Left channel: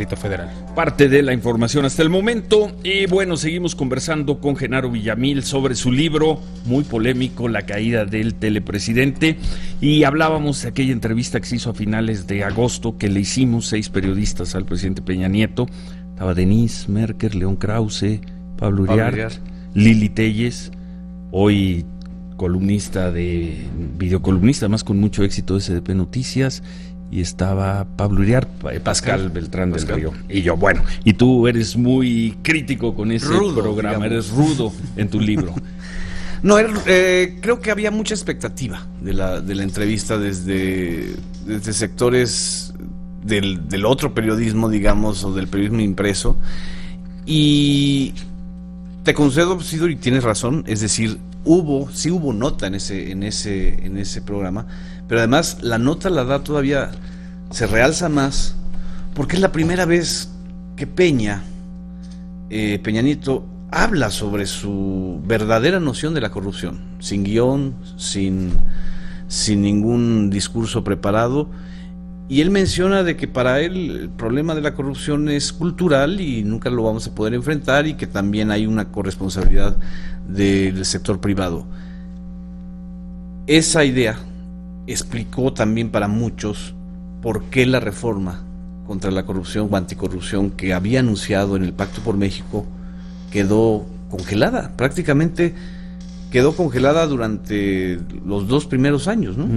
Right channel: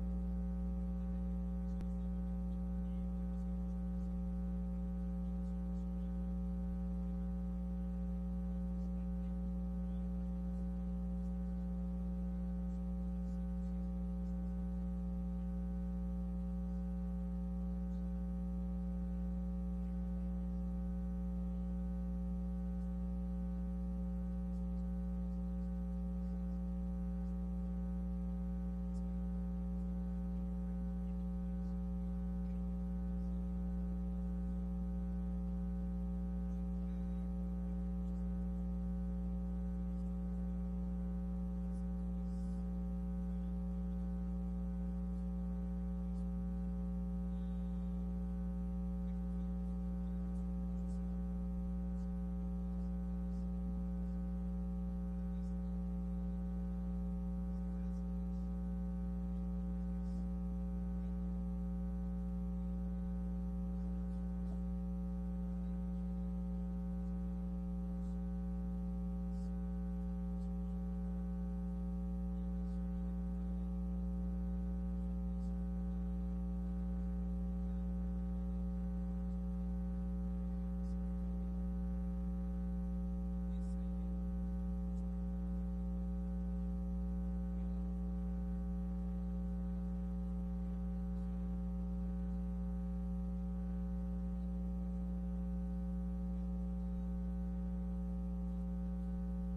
Distrito Federal. Parte de la información hasta el momento. Y bueno, seguimos conversando con Genaro Villamil sobre su libro muy polémico, La caída del telepresidente, y hablábamos de aquella entrevista que se hizo a finales de agosto que le hicimos 6 periodistas al presidente Peña Nieto. Estaba Denise Merker, León Krause, Pablo Uriart, Lili Telles, hoy columnista videocolumnista, además con mucho éxito de SDP Noticias, y estaba Pablo Uriart, Pascal Beltrán del Río, y yo. Bueno, y tú eres muy crítico con ese programa, digamos. Eres rudo en tu libro. No, creo que había mucha expectativa de la entrevista desde sectores del otro periodismo, digamos, o del periodismo impreso, y te concedo, Sidor, y tienes razón, es decir, sí hubo nota en ese programa, pero además la nota la da todavía, se realza más, porque es la primera vez que Peña Nieto habla sobre su verdadera noción de la corrupción, sin guión, sin ningún discurso preparado. Y él menciona de que para él el problema de la corrupción es cultural y nunca lo vamos a poder enfrentar, y que también hay una corresponsabilidad del sector privado. Esa idea explicó también para muchos por qué la reforma contra la corrupción o anticorrupción que había anunciado en el Pacto por México quedó congelada, prácticamente quedó congelada durante los 2 primeros años, ¿no?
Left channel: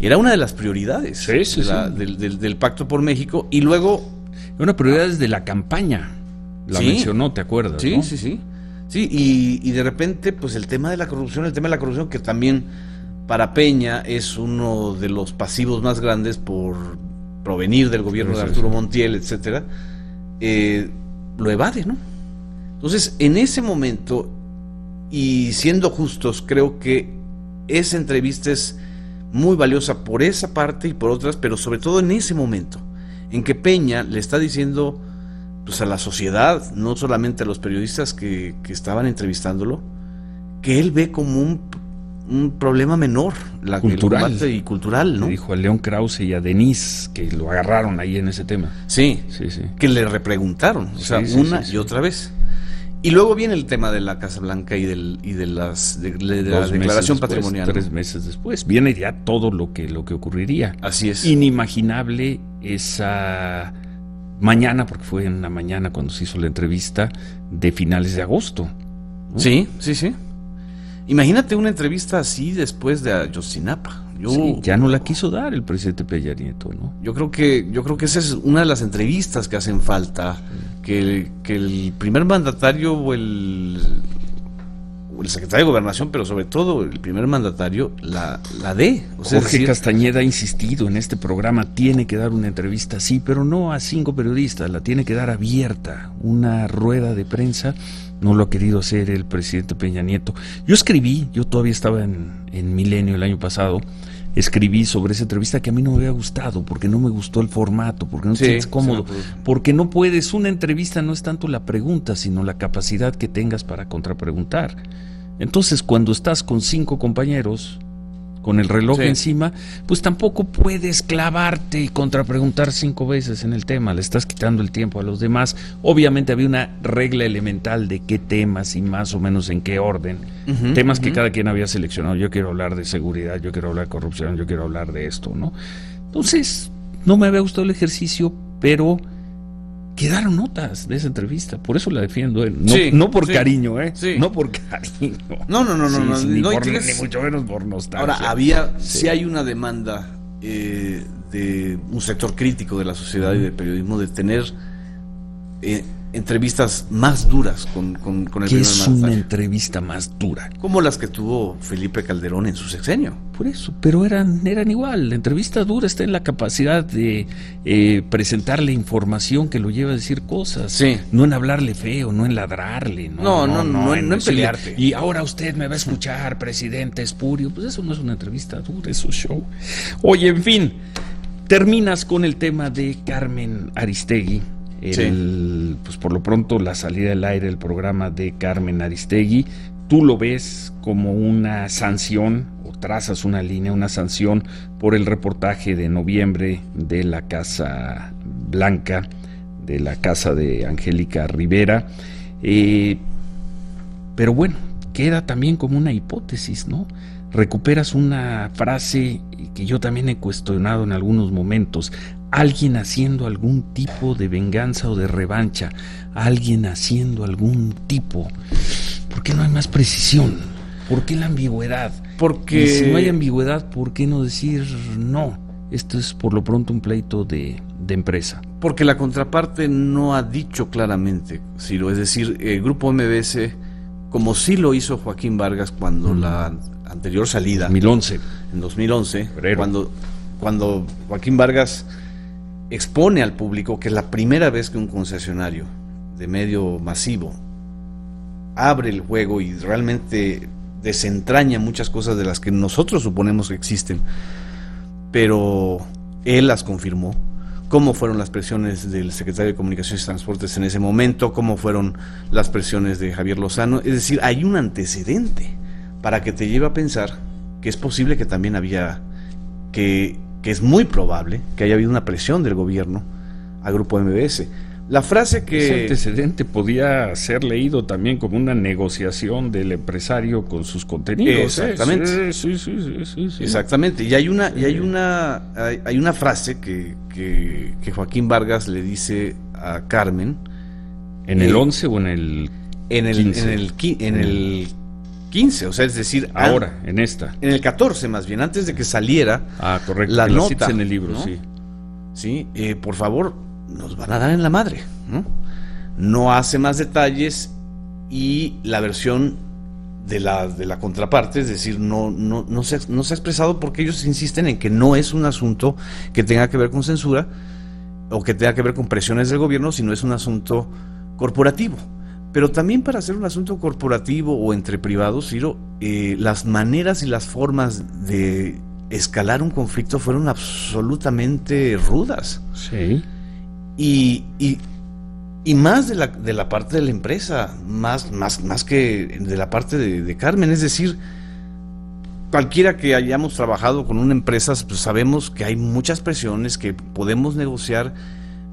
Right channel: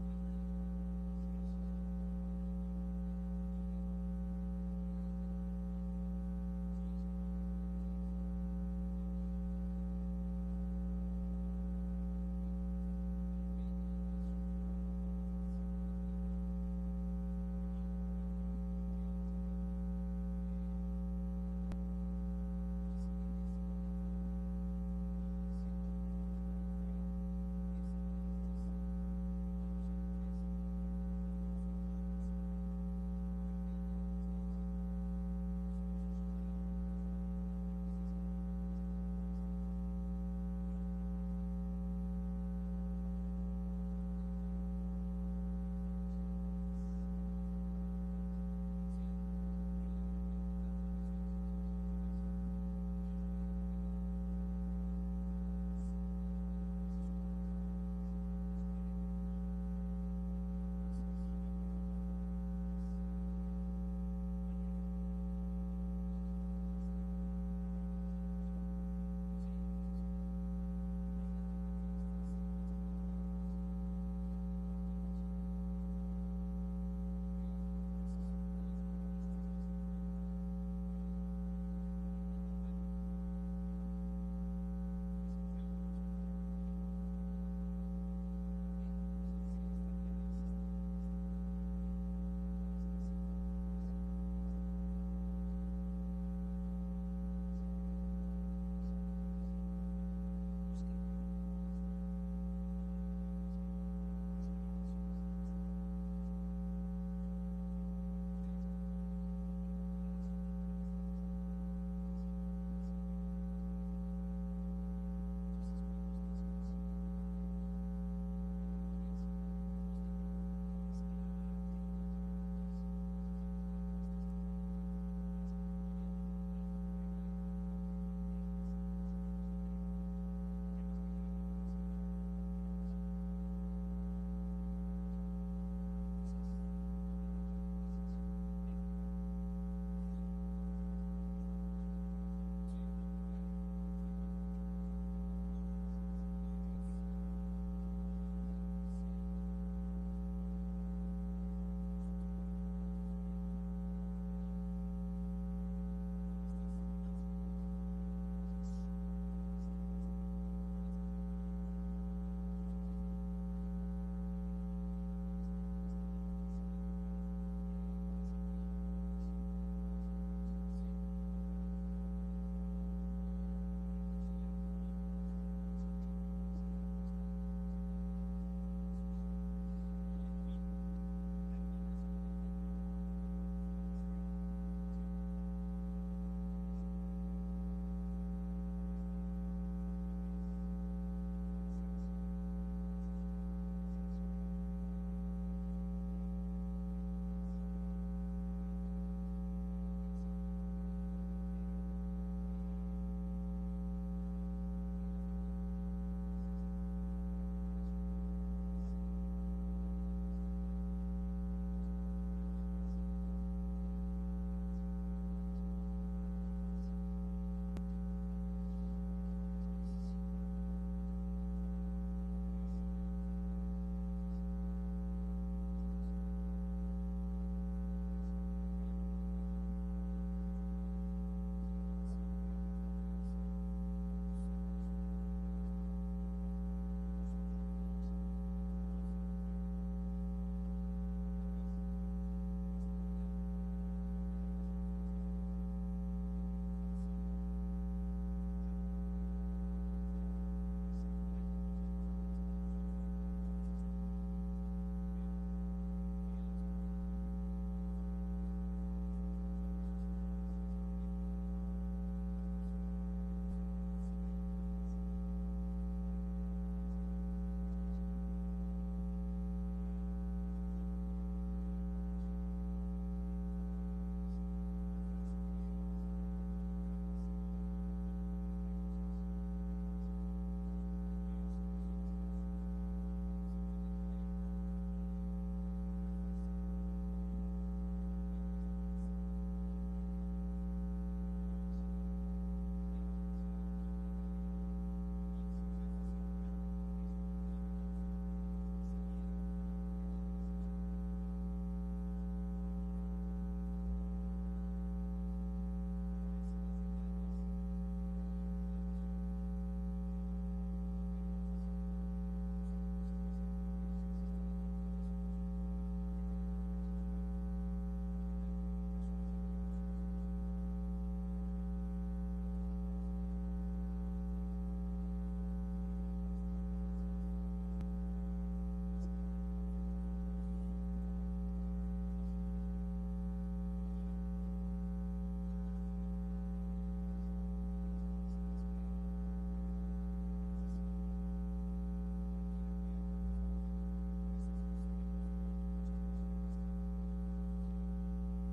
Era una de las prioridades del Pacto por México, y luego... Una prioridad desde la campaña, la mencionó, ¿te acuerdas? Sí, ¿no? sí, y de repente, pues el tema de la corrupción que también para Peña es uno de los pasivos más grandes por provenir del gobierno de Arturo Montiel, etcétera, lo evade, ¿no? Entonces, en ese momento, y siendo justos, creo que esa entrevista es muy valiosa por esa parte y por otras, pero sobre todo en ese momento, en que Peña le está diciendo, pues, a la sociedad, no solamente a los periodistas que estaban entrevistándolo, que él ve como un problema menor, cultural, y cultural, ¿no? Le dijo a León Krause y a Denise, que lo agarraron ahí en ese tema. Sí. Que le repreguntaron, y otra vez. Y luego viene el tema de la Casa Blanca y de la declaración patrimonial. 3 meses después viene ya todo lo que ocurriría. Así es. Inimaginable esa mañana, porque fue en una mañana cuando se hizo la entrevista de finales de agosto, ¿no? Sí. Imagínate una entrevista así después de Ayotzinapa. Ya no la quiso dar el presidente Peña Nieto, ¿no? Yo creo que esa es una de las entrevistas que hacen falta, que el primer mandatario o el secretario de Gobernación, pero sobre todo el primer mandatario, la dé. Jorge Castañeda ha insistido en este programa, tiene que dar una entrevista, sí, pero no a 5 periodistas, la tiene que dar abierta, una rueda de prensa. No lo ha querido hacer el presidente Peña Nieto. Yo todavía estaba en Milenio el año pasado, escribí sobre esa entrevista que a mí no me había gustado, porque no me gustó el formato, porque no te sientes cómodo, porque no puedes, una entrevista no es tanto la pregunta, sino la capacidad que tengas para contrapreguntar. Entonces, cuando estás con 5 compañeros, con el reloj encima, pues tampoco puedes clavarte y contrapreguntar 5 veces en el tema, le estás quitando el tiempo a los demás. Obviamente había una regla elemental de qué temas y más o menos en qué orden, temas que cada quien había seleccionado. Yo quiero hablar de seguridad, yo quiero hablar de corrupción, yo quiero hablar de esto, ¿no? Entonces, no me había gustado el ejercicio, pero quedaron notas de esa entrevista, por eso la defiendo, no por cariño, no por cariño. No, ni mucho menos por nostalgia. Ahora, sí hay una demanda de un sector crítico de la sociedad y del periodismo de tener entrevistas más duras con el primer mandatario. ¿Qué es una entrevista más dura? Como las que tuvo Felipe Calderón en su sexenio. Por eso, pero eran igual. La entrevista dura está en la capacidad de presentarle información que lo lleva a decir cosas, no en hablarle feo, no en ladrarle, no en pelearte. Y ahora usted me va a escuchar, presidente espurio. Pues eso no es una entrevista dura, eso es show. Oye, en fin, terminas con el tema de Carmen Aristegui. Pues por lo pronto la salida del aire del programa de Carmen Aristegui, tú lo ves como una sanción, o trazas una línea, una sanción por el reportaje de noviembre de la Casa Blanca de la casa de Angélica Rivera. Pero bueno, queda también como una hipótesis, ¿no? Recuperas una frase que yo también he cuestionado en algunos momentos: alguien haciendo algún tipo de venganza o de revancha, alguien haciendo algún tipo. ¿Por qué no hay más precisión? ¿Por qué la ambigüedad? Porque y si no hay ambigüedad, ¿por qué no decir no? Esto es por lo pronto un pleito de empresa. Porque la contraparte no ha dicho claramente, Ciro. Es decir, el Grupo MBS, como sí lo hizo Joaquín Vargas cuando la anterior salida, 2011. En 2011, cuando Joaquín Vargas expone al público que es la primera vez que un concesionario de medio masivo abre el juego y realmente desentraña muchas cosas de las que nosotros suponemos que existen, pero él las confirmó. Cómo fueron las presiones del secretario de Comunicaciones y Transportes en ese momento, cómo fueron las presiones de Javier Lozano. Es decir, hay un antecedente para que te lleve a pensar que es posible que también había, que es muy probable que haya habido una presión del gobierno al Grupo MBS. La frase que... Ese antecedente podía ser leído también como una negociación del empresario con sus contenidos. Exactamente. Sí. Exactamente. Y hay una frase que Joaquín Vargas le dice a Carmen. ¿En el 11 o en el 15? En el 15, o sea, es decir... Ahora, en esta. En el 14 más bien, antes de que saliera correcto, la nota. Citas en el libro, ¿no? Sí. Sí, por favor, nos van a dar en la madre, ¿no? No hace más detalles y la versión de la contraparte, es decir, no se ha expresado porque ellos insisten en que no es un asunto que tenga que ver con censura o que tenga que ver con presiones del gobierno, sino es un asunto corporativo. Pero también para hacer un asunto corporativo o entre privados, Ciro, las maneras y las formas de escalar un conflicto fueron absolutamente rudas. Sí. Y más de la parte de la empresa, más que de la parte de Carmen. Es decir, cualquiera que hayamos trabajado con una empresa, pues sabemos que hay muchas presiones que podemos negociar,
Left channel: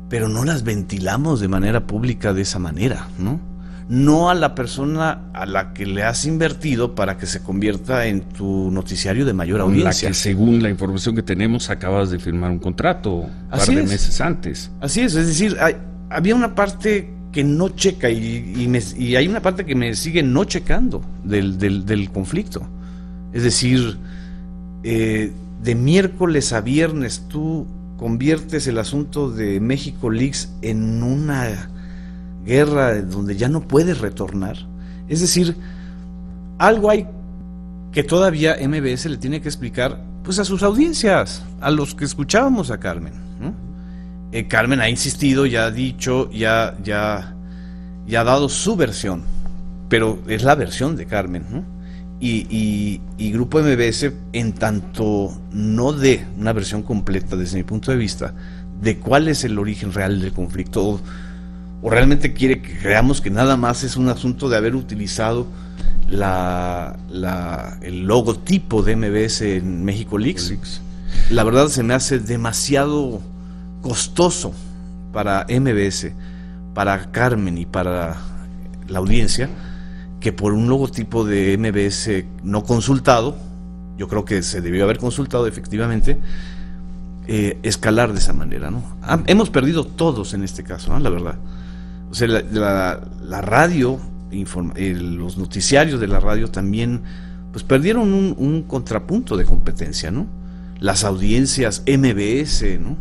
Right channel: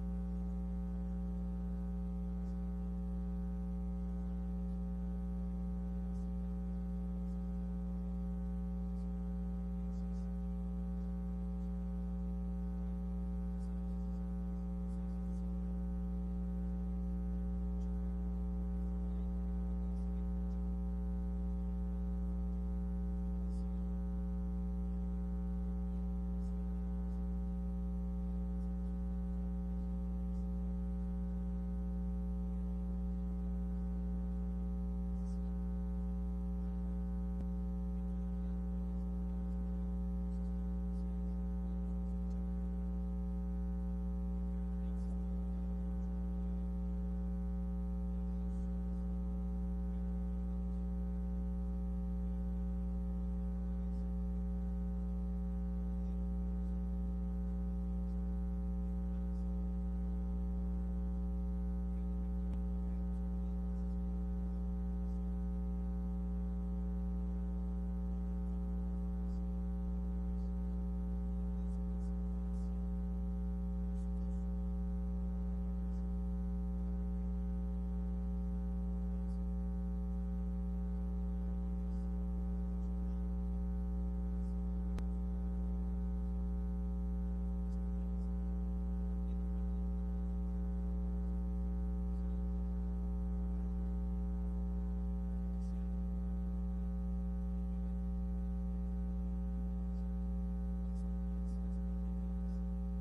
pero no las ventilamos de manera pública de esa manera, ¿no? No a la persona a la que le has invertido para que se convierta en tu noticiario de mayor audiencia. La que, según la información que tenemos, acabas de firmar un contrato un par de meses antes. Así es decir, había una parte que no checa y hay una parte que me sigue no checando del conflicto. Es decir, de miércoles a viernes tú conviertes el asunto de México Leaks en una guerra donde ya no puedes retornar. Es decir, algo hay que todavía MBS le tiene que explicar, pues, a sus audiencias, a los que escuchábamos a Carmen, ¿no? Carmen ha insistido, ya ha dicho, ya ha dado su versión, pero es la versión de Carmen, ¿no? Y Grupo MBS, en tanto no dé una versión completa desde mi punto de vista de cuál es el origen real del conflicto, o realmente quiere que creamos que nada más es un asunto de haber utilizado el logotipo de MBS en México Leaks. La verdad se me hace demasiado costoso para MBS, para Carmen y para la audiencia, que por un logotipo de MBS no consultado, yo creo que se debió haber consultado efectivamente, escalar de esa manera, ¿no? Hemos perdido todos en este caso, ¿no? La verdad. O sea, la radio, los noticiarios de la radio también, pues perdieron un contrapunto de competencia, ¿no? Las audiencias MBS, ¿no?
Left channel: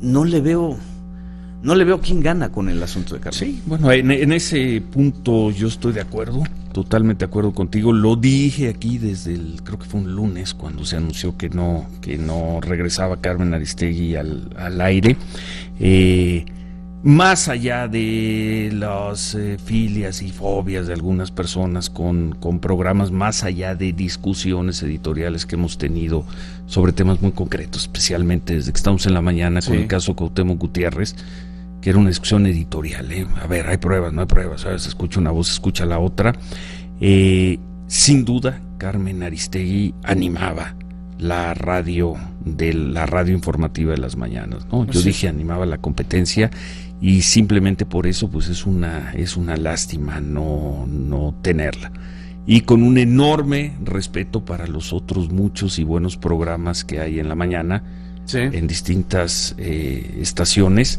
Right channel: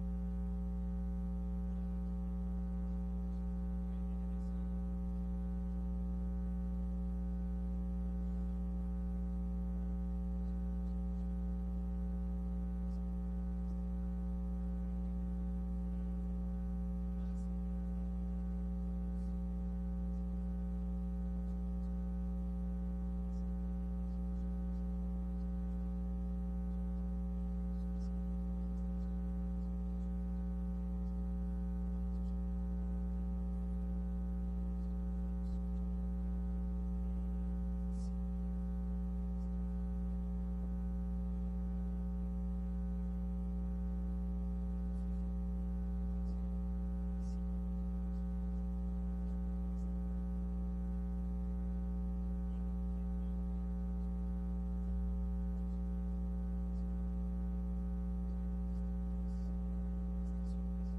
No le veo quién gana con el asunto de Carmen. Sí, bueno, en ese punto yo estoy de acuerdo, totalmente de acuerdo contigo. Lo dije aquí desde creo que fue un lunes, cuando se anunció que no regresaba Carmen Aristegui al aire. Más allá de las filias y fobias de algunas personas con programas, más allá de discusiones editoriales que hemos tenido sobre temas muy concretos, especialmente desde que estamos en la mañana, sí, con el caso Cuauhtémoc Gutiérrez, que era una discusión editorial, a ver, hay pruebas, no hay pruebas, ¿sabes? Escucha una voz, escucha la otra. Sin duda, Carmen Aristegui animaba la radio informativa de las mañanas, ¿no? Yo dije, animaba la competencia, y simplemente por eso pues es una lástima no tenerla. Y con un enorme respeto para los otros muchos y buenos programas que hay en la mañana, en distintas estaciones.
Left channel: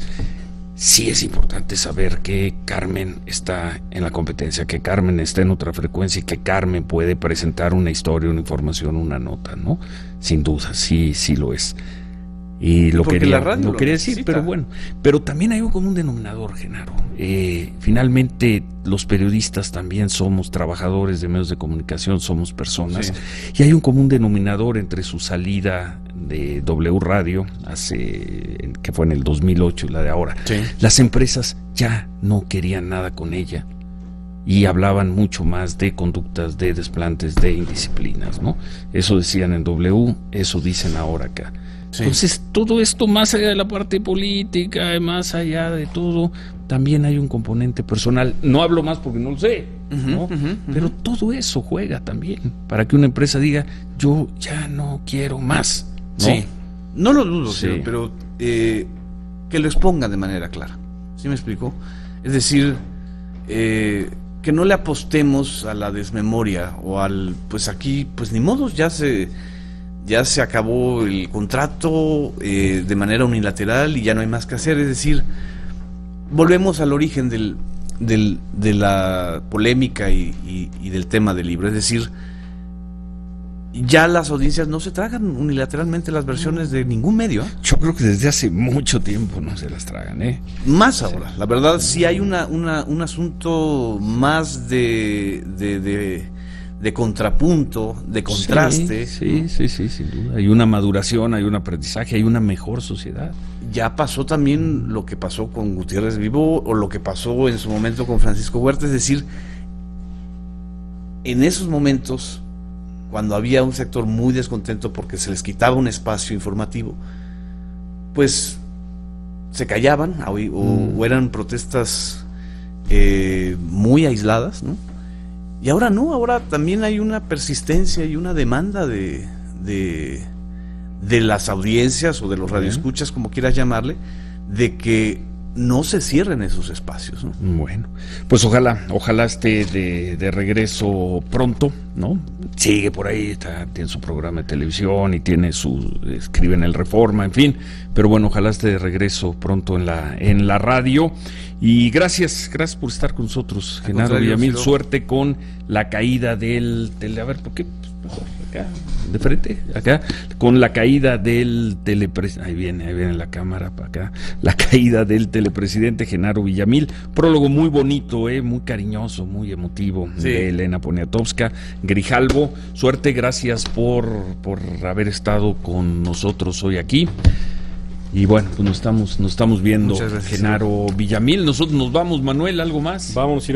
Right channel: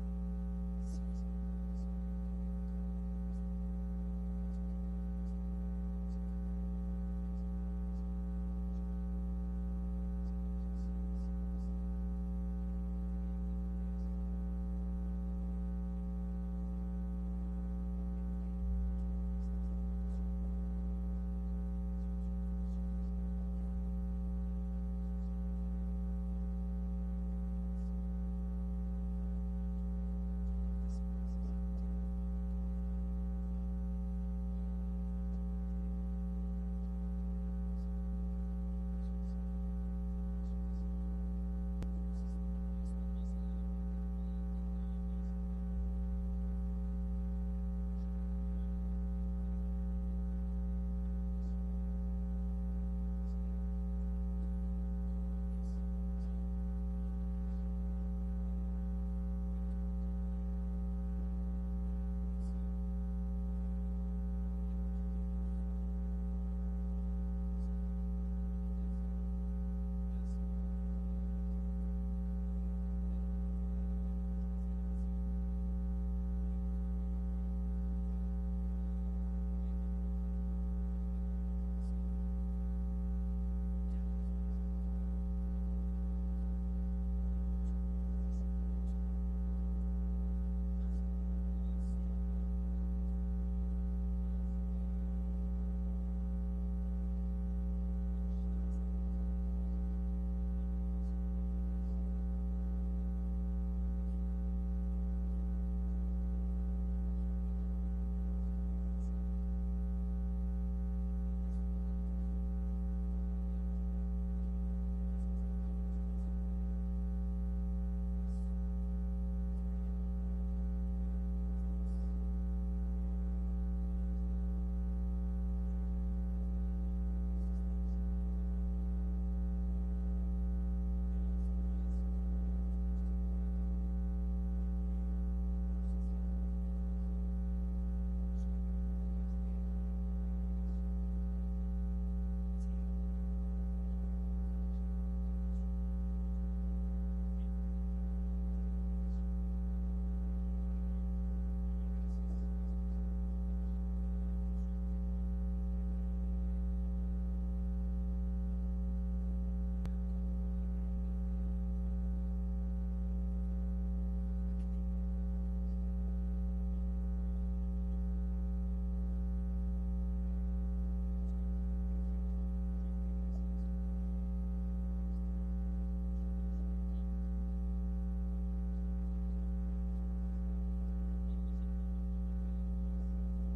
Sí es importante saber que Carmen está en la competencia, que Carmen está en otra frecuencia y que Carmen puede presentar una historia, una información, una nota, ¿no? Sin duda, sí lo es. Y lo quería decir, pero bueno. Pero también hay un común denominador, Genaro. Finalmente, los periodistas también somos trabajadores de medios de comunicación, somos personas. Y hay un común denominador entre su salida de W Radio, que fue en el 2008, y la de ahora. Las empresas ya no querían nada con ella y hablaban mucho más de conductas, de desplantes, de indisciplinas, ¿no? Eso decían en W, eso dicen ahora acá. Entonces, todo esto, más allá de la parte política, más allá de todo, también hay un componente personal. No hablo más porque no lo sé, ¿no? Pero todo eso juega también para que una empresa diga, yo ya no quiero más, ¿no? No lo dudo, pero que lo exponga de manera clara. ¿Sí me explico? Es decir, que no le apostemos a la desmemoria o al, pues aquí, pues ni modos, ya se acabó el contrato de manera unilateral y ya no hay más que hacer. Es decir, volvemos al origen de la polémica y del tema del libro. Es decir, ya las audiencias no se tragan unilateralmente las versiones de ningún medio. Yo creo que desde hace mucho tiempo no se las tragan, Más ahora. La verdad, sí hay un asunto más de contrapunto, de contraste. Sí, sin duda. Hay una maduración, hay un aprendizaje, hay una mejor sociedad. Ya pasó también lo que pasó con Gutiérrez Vivo o lo que pasó en su momento con Francisco Huerta. Es decir, en esos momentos, cuando había un sector muy descontento porque se les quitaba un espacio informativo, pues se callaban o eran protestas muy aisladas, ¿no? Y ahora no, ahora también hay una persistencia y una demanda de las audiencias o de los radioescuchas, como quieras llamarle, de que no se cierren esos espacios, ¿no? Bueno, pues ojalá esté de regreso pronto, ¿no? Sigue por ahí, tiene su programa de televisión y escribe en el Reforma, en fin, pero bueno, ojalá esté de regreso pronto en la radio. Y gracias por estar con nosotros, Genaro Villamil. Suerte con la caída del a ver, ¿por qué? Mejor acá, de frente, acá, con la caída del telepresidente. Ahí viene la cámara para acá. La caída del telepresidente Genaro Villamil. Prólogo muy bonito, muy cariñoso, muy emotivo, de Elena Poniatowska. Grijalvo, suerte, gracias por haber estado con nosotros hoy aquí. Y bueno, pues nos estamos viendo, Genaro Villamil. Nosotros nos vamos, Manuel, ¿algo más? Vamos a ir